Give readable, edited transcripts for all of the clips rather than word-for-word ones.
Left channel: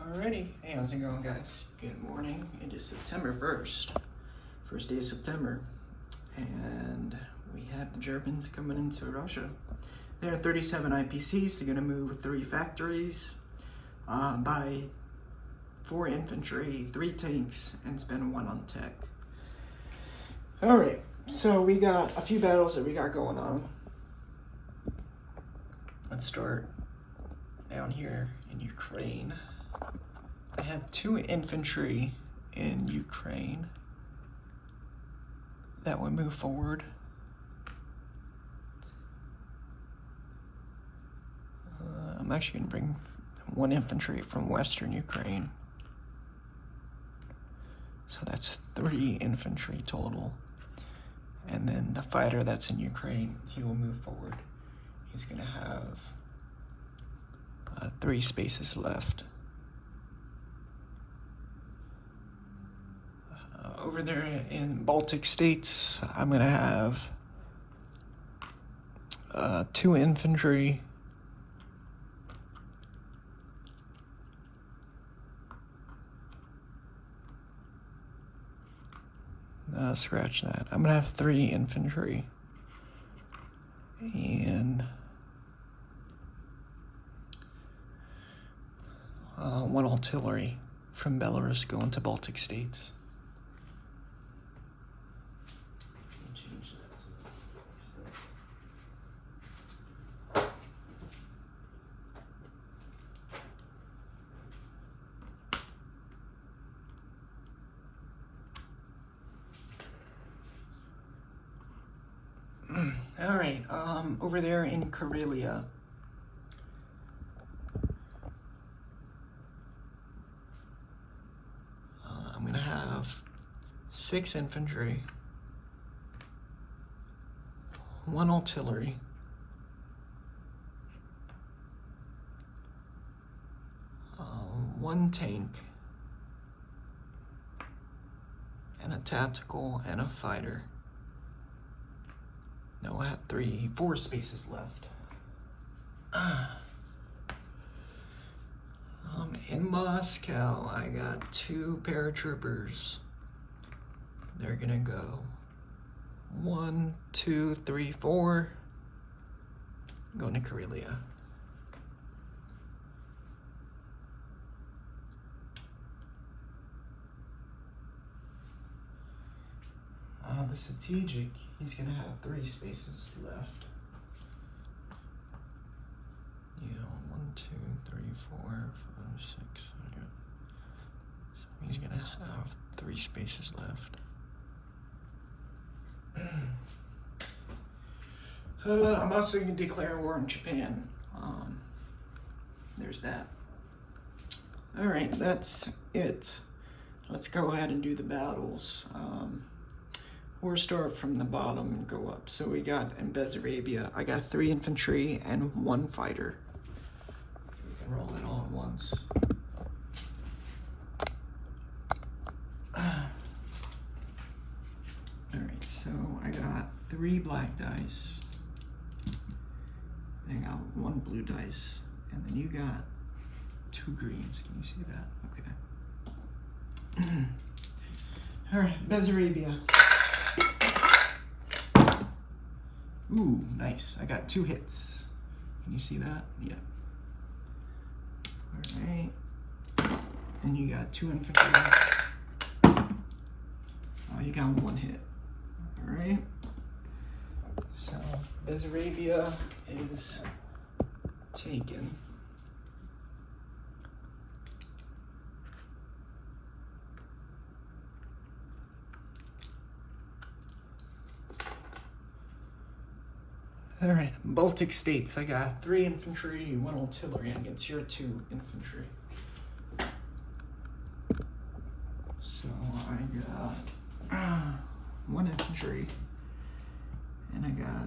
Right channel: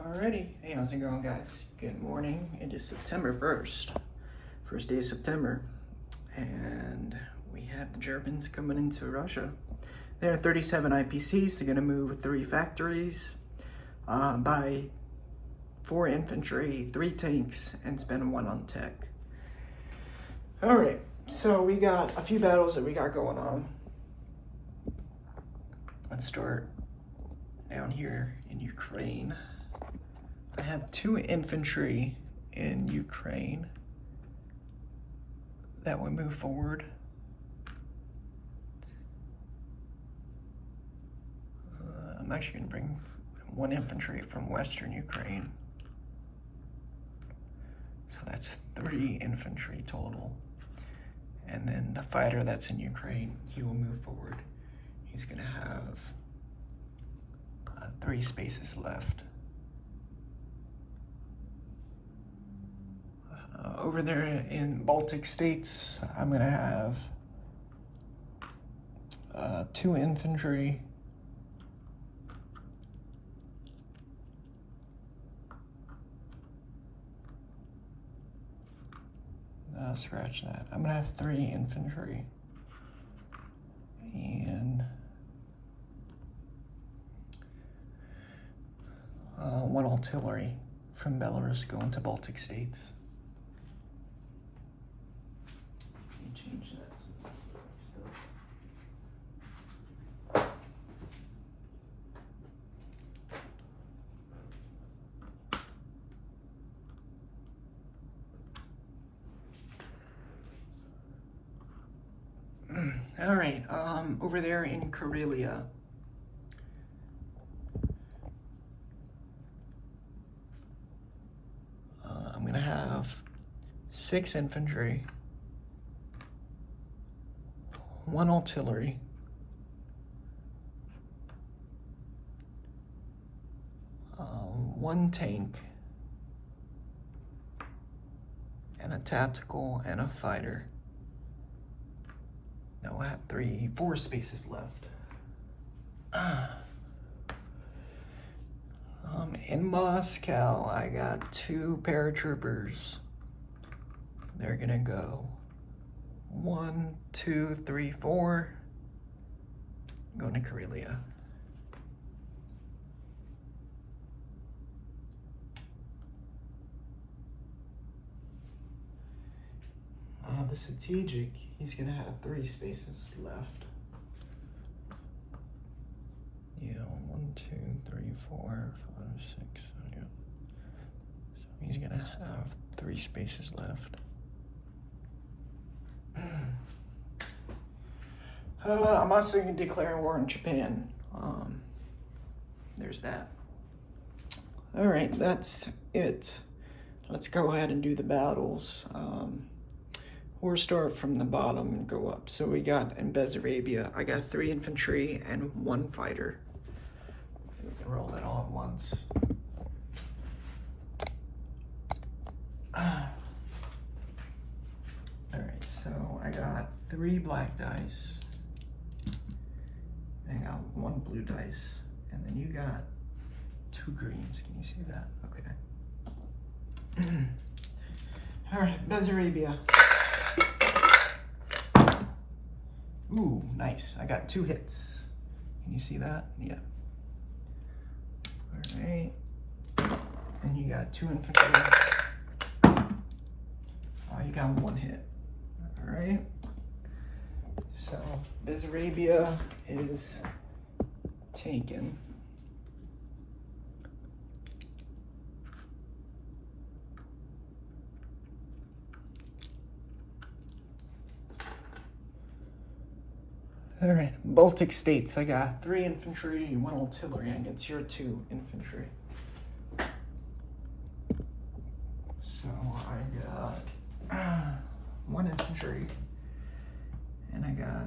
Alrighty, hey, how's it going, guys? Good morning. It is September 1st, first day of September, and we have the Germans coming into Russia. There are 37 IPCs. They're going to move 3 factories, buy 4 infantry, 3 tanks, and spend 1 on tech. Alright, so we got a few battles that we got going on. Let's start down here in Ukraine. I have 2 infantry in Ukraine that will move forward. I'm actually going to bring 1 infantry from Western Ukraine. So that's 3 infantry total. And then the fighter that's in Ukraine, he will move forward. He's going to have 3 spaces left. Over there in Baltic states, I'm going to have 2 infantry, scratch that. I'm going to have 3 infantry and 1 artillery from Belarus going to Baltic states. Change that. All right, over there in Karelia, I'm gonna have 6 infantry, 1 artillery, 1 tank, and a tactical and a fighter. No, I have 4 spaces left. In Moscow, I got 2 paratroopers. They're gonna go 1, 2, 3, 4. Going to Karelia. The strategic, he's gonna have 3 spaces left. Yeah, 1, 2, 3, 4, 5, 6. Okay. So he's gonna have 3 spaces left. I'm also gonna declare war on Japan. There's that. All right, that's it. Let's go ahead and do the battles. We'll start from the bottom and go up. So we got in Bessarabia, I got 3 infantry and 1 fighter. We can roll it all at once. Alright, so I got 3 black dice. And I got 1 blue dice. And then you got 2 greens. Can you see that? Okay. Alright, Bessarabia. Ooh, nice. I got 2 hits. Can you see that? Yeah. All right. And you got 2 infantry. Oh, you got 1 hit. All right. So, Bessarabia is taken. All right, Baltic states, I got 3 infantry, 1 artillery against your 2 infantry. So I got 1 infantry, and I got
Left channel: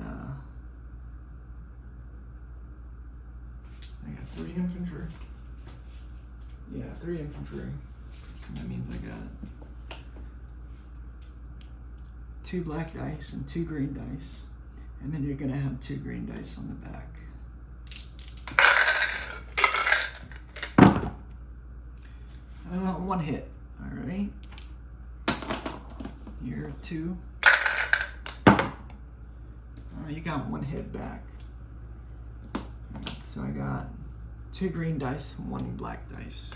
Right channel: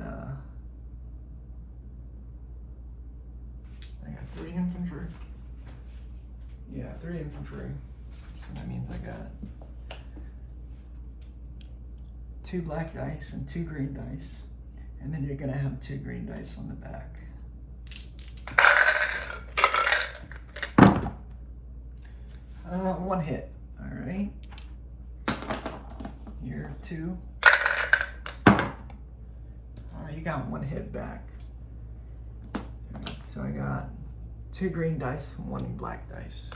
3 infantry. Yeah, 3 infantry. So that means I got 2 black dice and 2 green dice. And then you're gonna have 2 green dice on the back. one hit. All right. You're 2. You got 1 hit back. So I got 2 green dice, 1 black dice.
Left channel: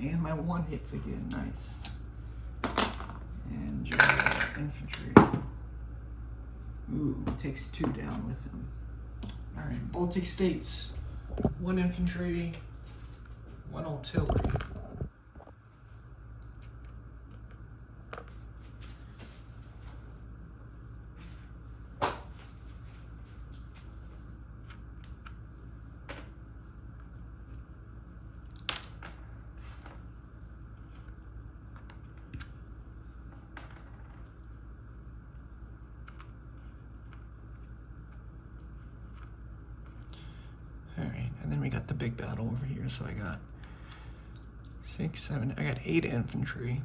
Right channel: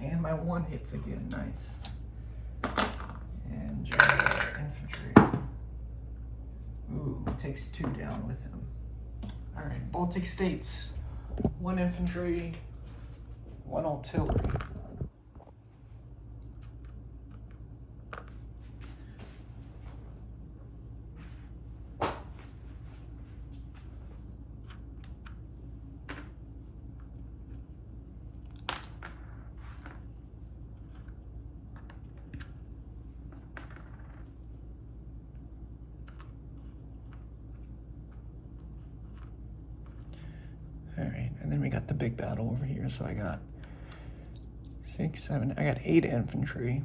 And my 1 hits again, nice. And infantry. Ooh, takes 2 down with him. All right, Baltic States. 1 infantry, 1 artillery. All right, and then we got the big battle over here. So I got 6, 7, I got 8 infantry.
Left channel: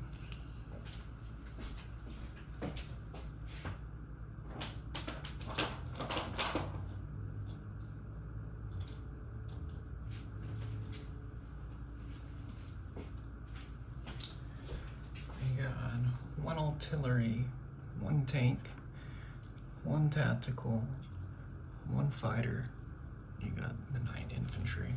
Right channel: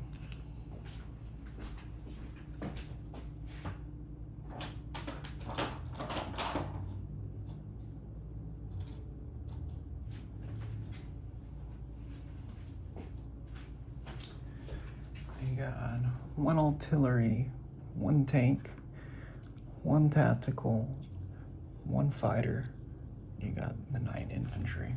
I got 1 artillery, 1 tank, 1 tactical, 1 fighter. You got the 9 infantry.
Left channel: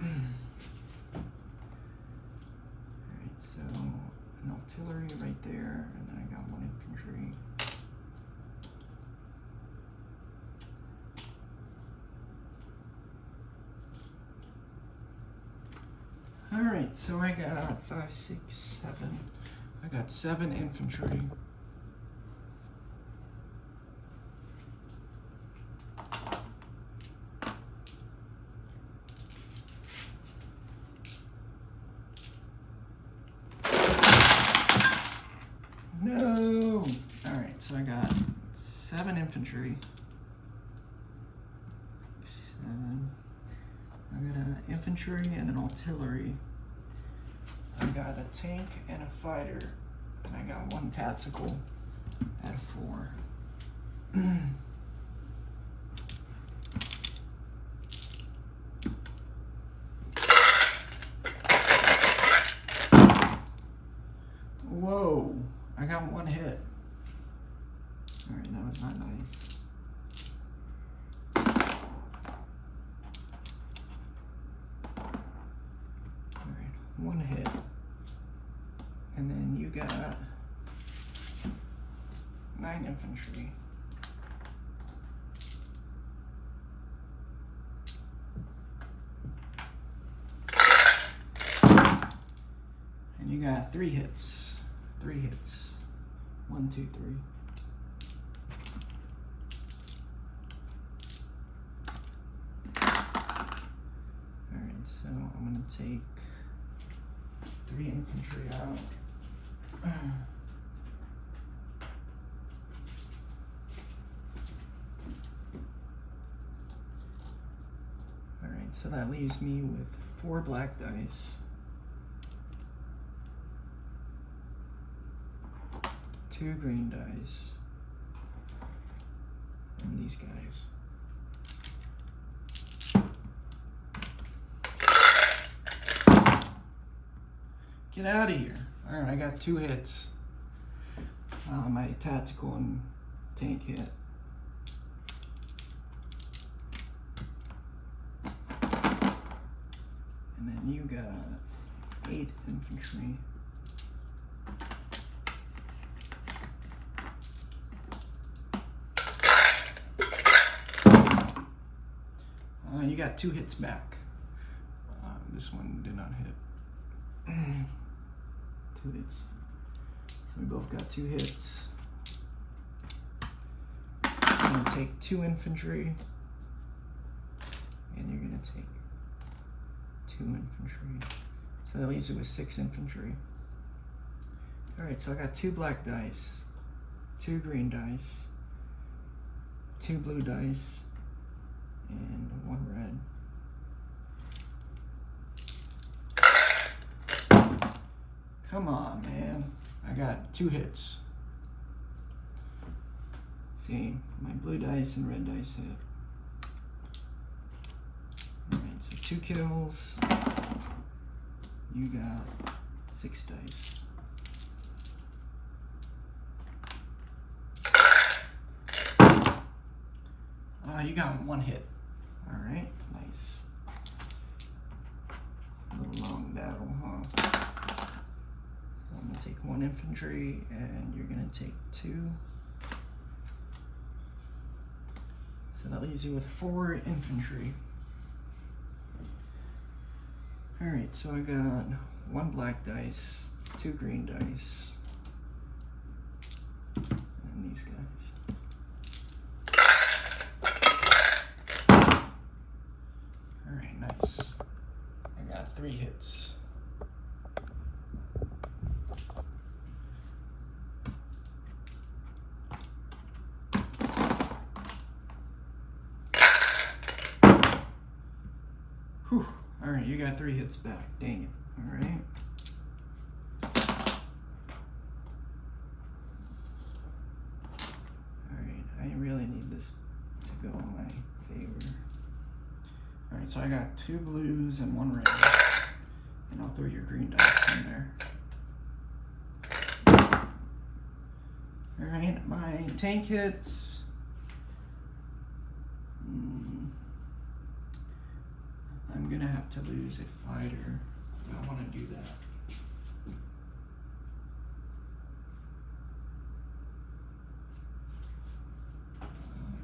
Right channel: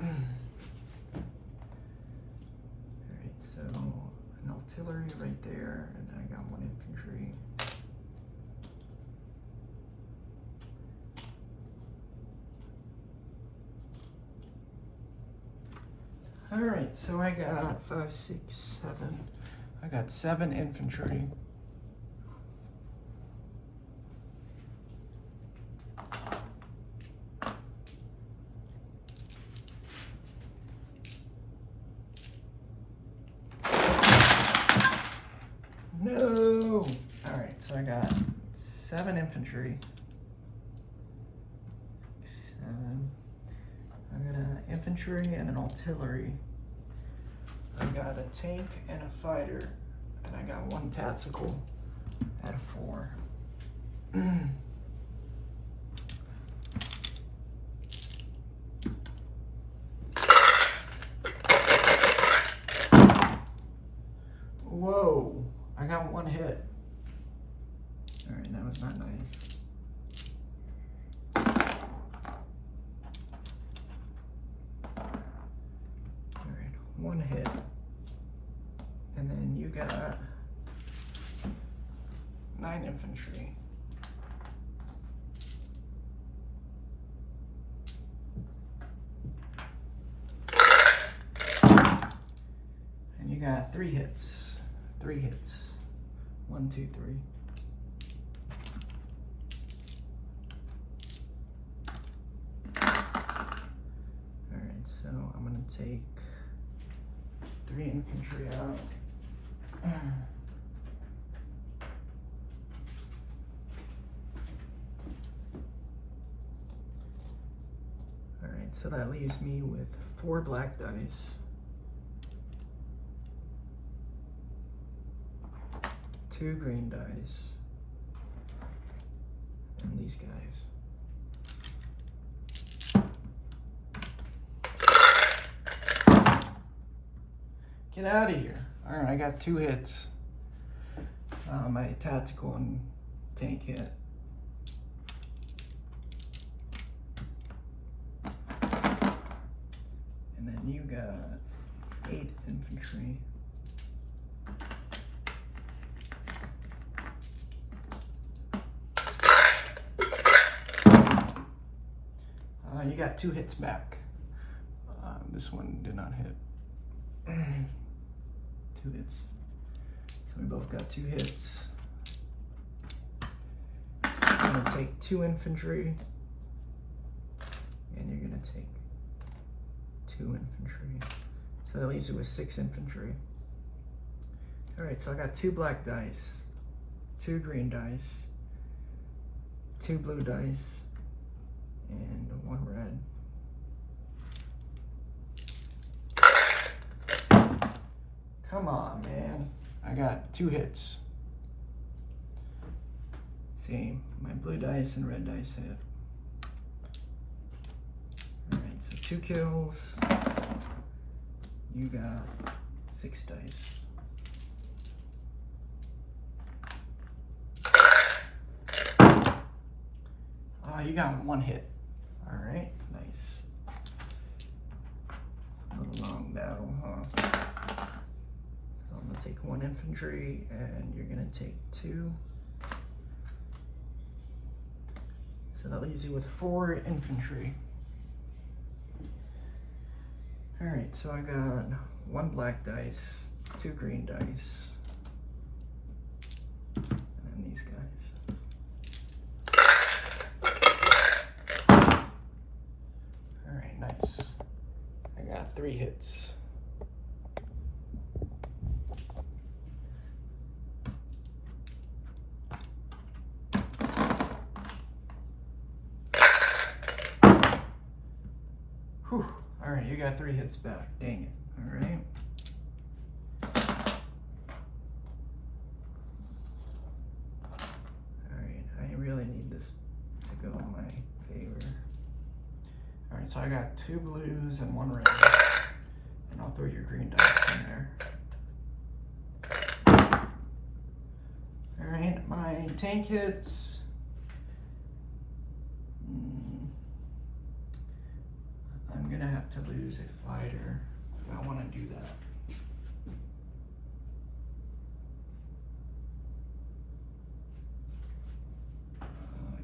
Alright, so an artillery right there, and then I got 1 infantry. Alright, so I got 5, 6, 7. I got 7 infantry. No! Alright, so I got 7 infantry. 7. I got an infantry and an artillery. I got a tank and a fighter, and I got 1 tactical out of 4. Whoa, I got 1 hit. All right, that was not nice. All right, 1 hit. And then you got 9 infantry. And you got 3 hits. 3 hits. 1, 2, 3. Alright, so I'm gonna take 3 infantry out. Alright, so that leaves me with 4 black dice, 2 green dice, and these guys. Get out of here. All right, I got 2 hits. My tactical and tank hit. And then you got 8 infantry. You got 2 hits back. This one did not hit. 2 hits. So we both got 2 hits. I'm gonna take 2 infantry, and you're gonna take 2 infantry. So that leaves you with 6 infantry. All right, so I got 2 black dice, 2 green dice, 2 blue dice, and 1 red. Come on, man. I got 2 hits. see, my blue dice and red dice hit. Alright, so 2 kills. You got 6 dice. You got 1 hit. Alright, nice. A little long battle, huh? I'm gonna take 1 infantry, and you're gonna take 2. So that leaves you with 4 infantry. Alright, so I got 1 black dice, 2 green dice, and these guys. Alright, nice. I got 3 hits. Whew. Alright, you got 3 hits back. Dang it. Alright. Alright, I really need this to go in my favor. Alright, so I got 2 blues and 1 red. And I'll throw your green dice in there. Alright, my tank hits. I'm gonna have to lose a fighter. I don't want to do that. I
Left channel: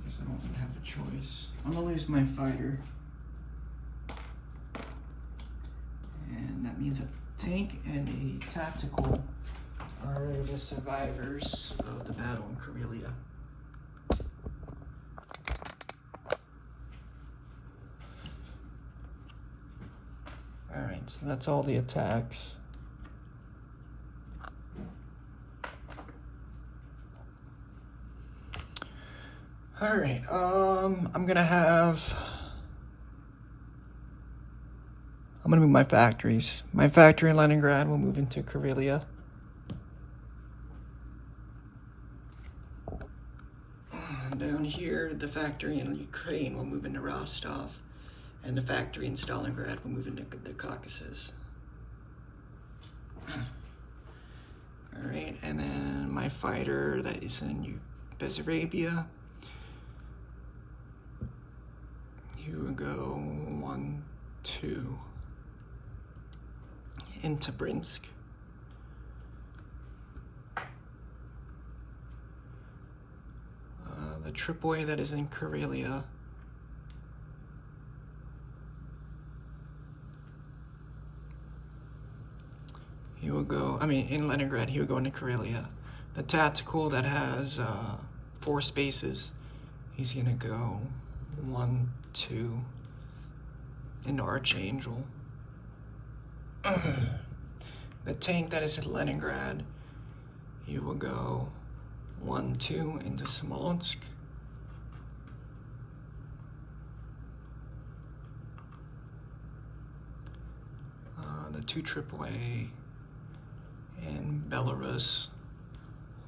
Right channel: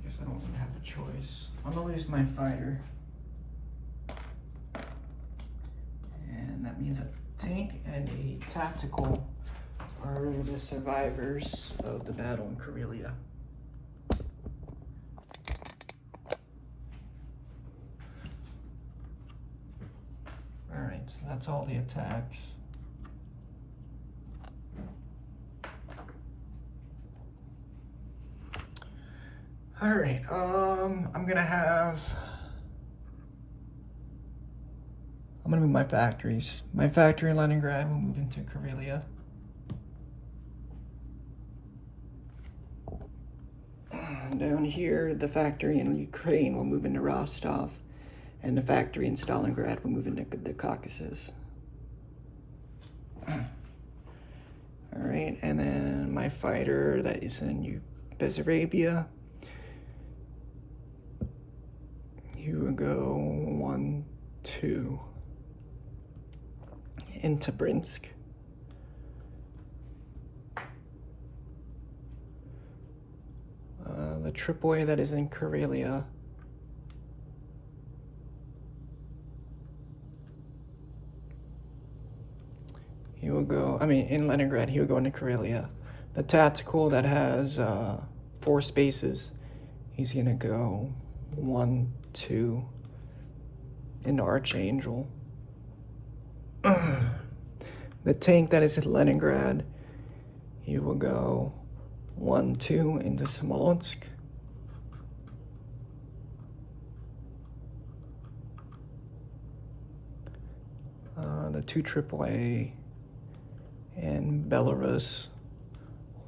guess I don't really have a choice. I'm gonna lose my fighter. And that means a tank and a tactical are the survivors of the battle in Karelia. Alright, so that's all the attacks. Alright, I'm gonna move my factories. My factory in Leningrad will move into Karelia. Down here, the factory in Ukraine will move into Rostov, and the factory in Stalingrad will move into the Caucasus. Alright, and then my fighter that is in Bessarabia, he will go 1, 2 into Brinsk. The Tripoli that is in Karelia, he will go, in Leningrad, he will go into Karelia. The tactical that has 4 spaces, he's gonna go 1, 2 into Archangel. The tank that is in Leningrad, he will go 1, 2 into Smolensk. The 2 AAA in Belarus,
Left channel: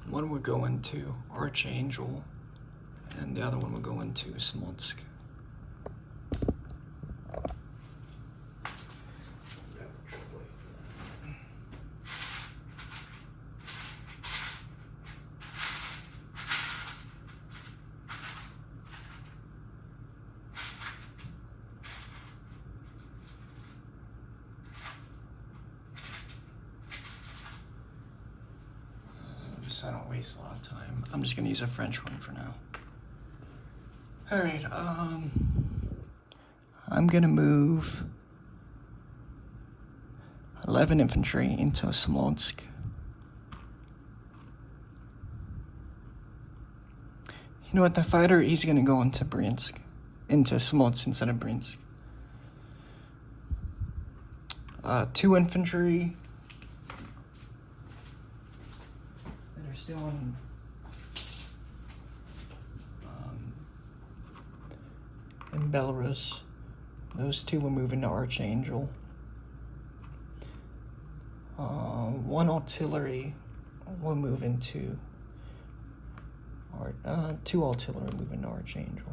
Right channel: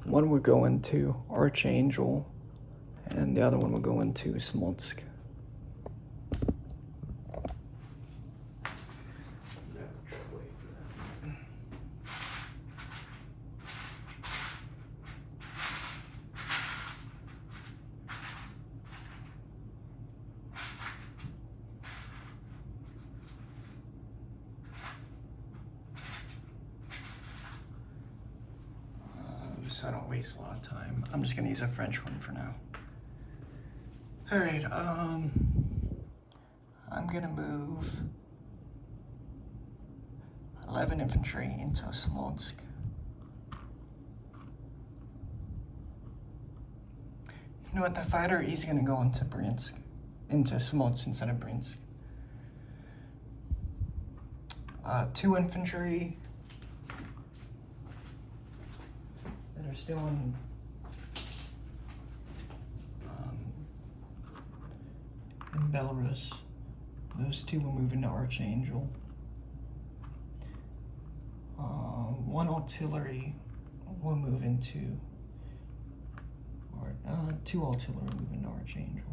one would go into Archangel, and the other one would go into Smolensk. So I don't waste a lot of time. I'm just gonna use a French one for now. All right, I'm gonna move 11 infantry into Smolensk. You know what, the fighter, he's gonna go into Smolensk instead of Brinsk. 2 infantry. Still in Belarus. Those 2 will move into Archangel. 1 artillery will move into 2 artillery moving to Archangel.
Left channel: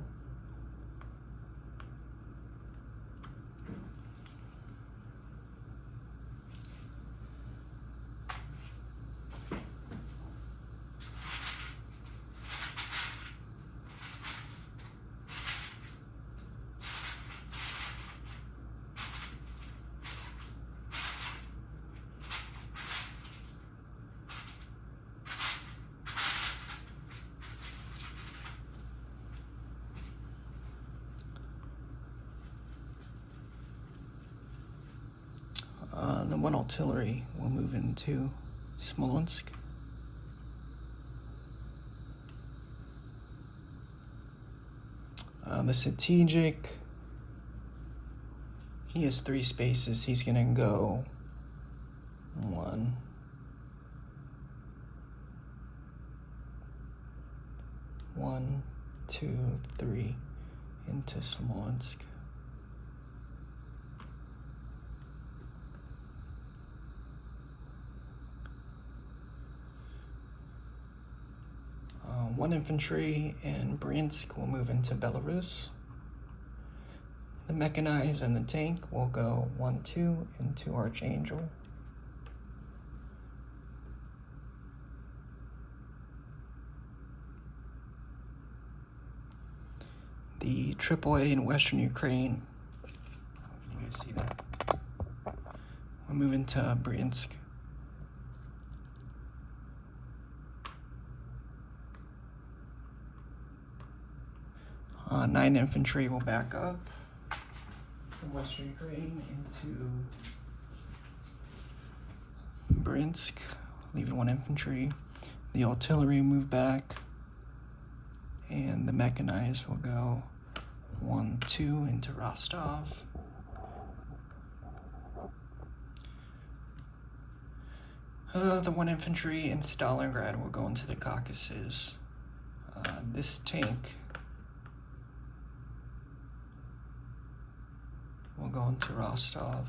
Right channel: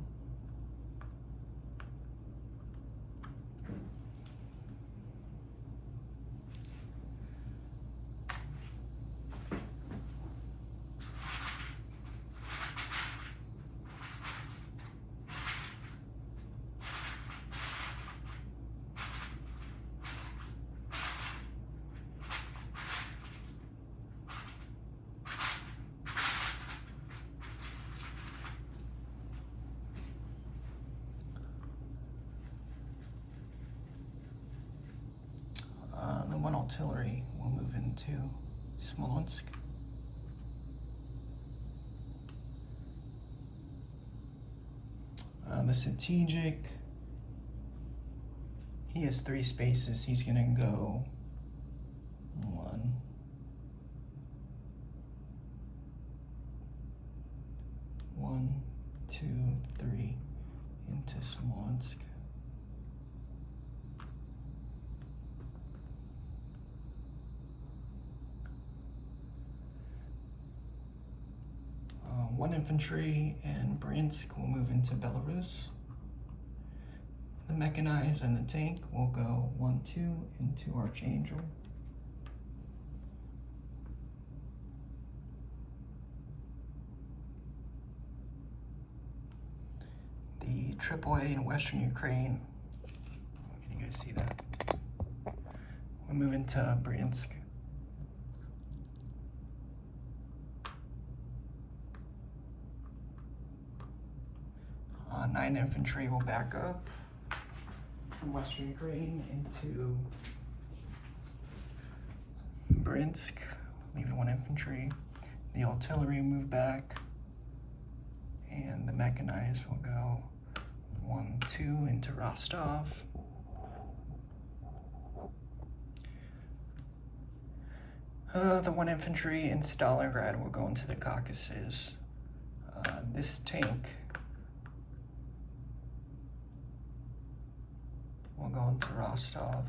The 1 artillery will move into Smolensk. The strategic, he has 3 spaces. He's gonna go 1, 1, 2, 3 into Smolensk. One infantry in Bryansk will move into Belarus. The mechanized and the tank will go 1, 2 into Archangel. The AAA in Western Ukraine, can you guys see that? We'll move into Bryansk. 9 infantry will back up from Western Ukraine into Bryansk, leaving 1 infantry. The artillery move back, and the mechanized will go 1, 2 into Rostov. The 1 infantry in Stalingrad will go into the Caucasus. This tank will go into Rostov.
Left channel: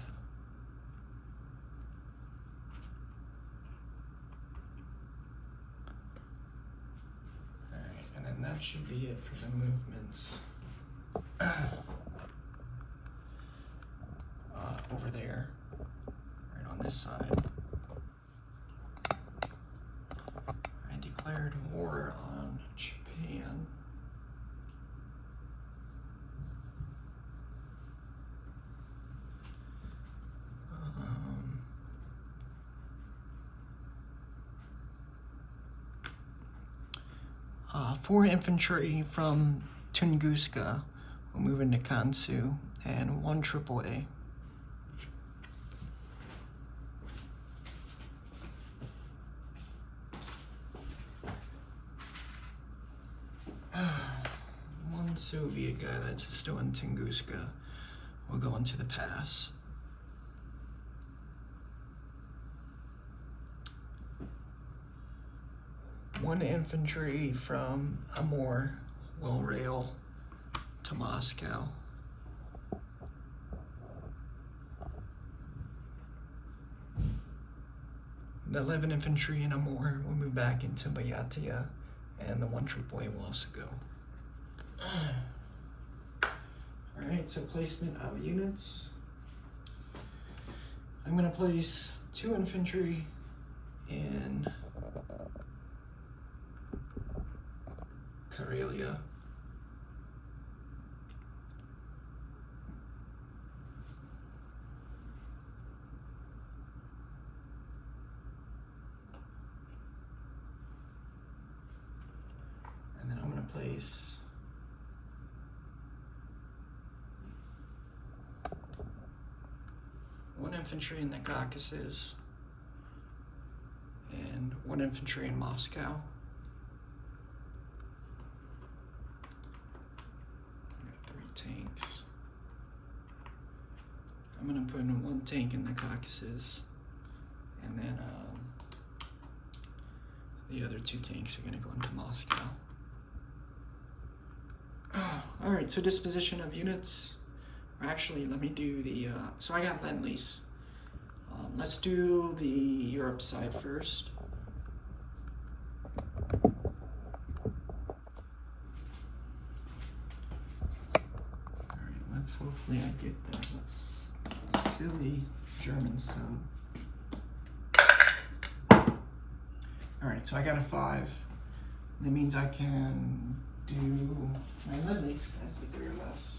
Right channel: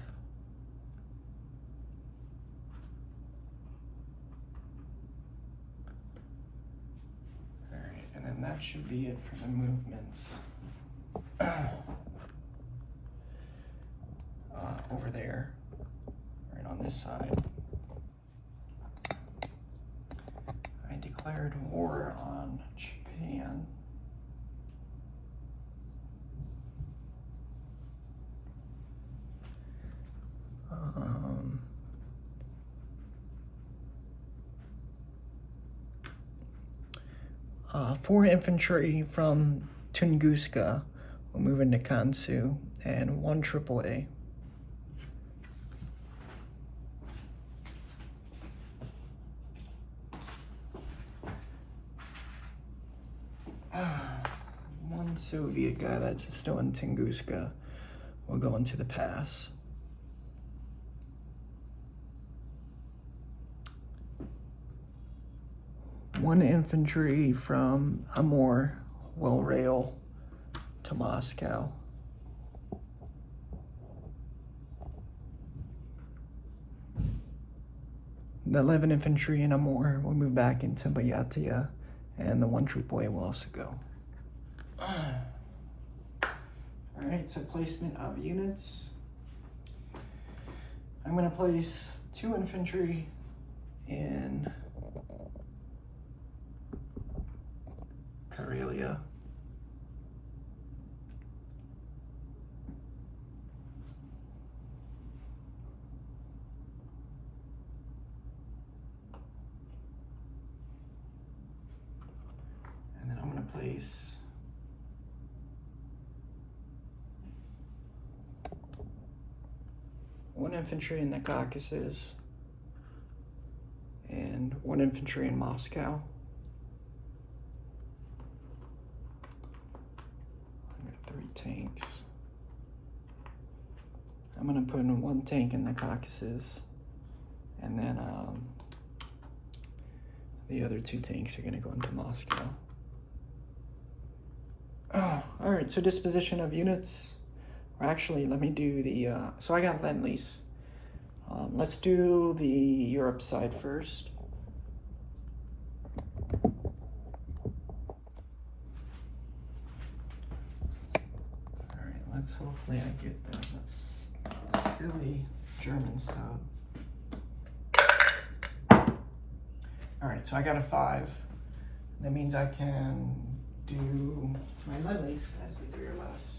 Alright, and then that should be it for the movements. Over there, right on this side. I declared war on Japan. Four infantry from Tunguska will move into Kansu, and 1 AAA. One Soviet guy that's still in Tunguska will go into the pass. One infantry from Amur will rail to Moscow. The 11 infantry in Amur will move back into Buryatia, and the 1 AAA will also go. Alright, so placement of units. I'm going to place 2 infantry in Karelia. And then I'm going to place 1 infantry in the Caucasus and 1 infantry in Moscow. 3 tanks. I'm gonna put in 1 tank in the Caucasus, and then the other 2 tanks are gonna go into Moscow. All right, so disposition of units. Actually, let me do the, so I got Lend-Lease. Let's do the Europe side first. let's hopefully I get that. Let's silly German sub. All right, so I got a 5. That means I can do my lead least as a 3 or less.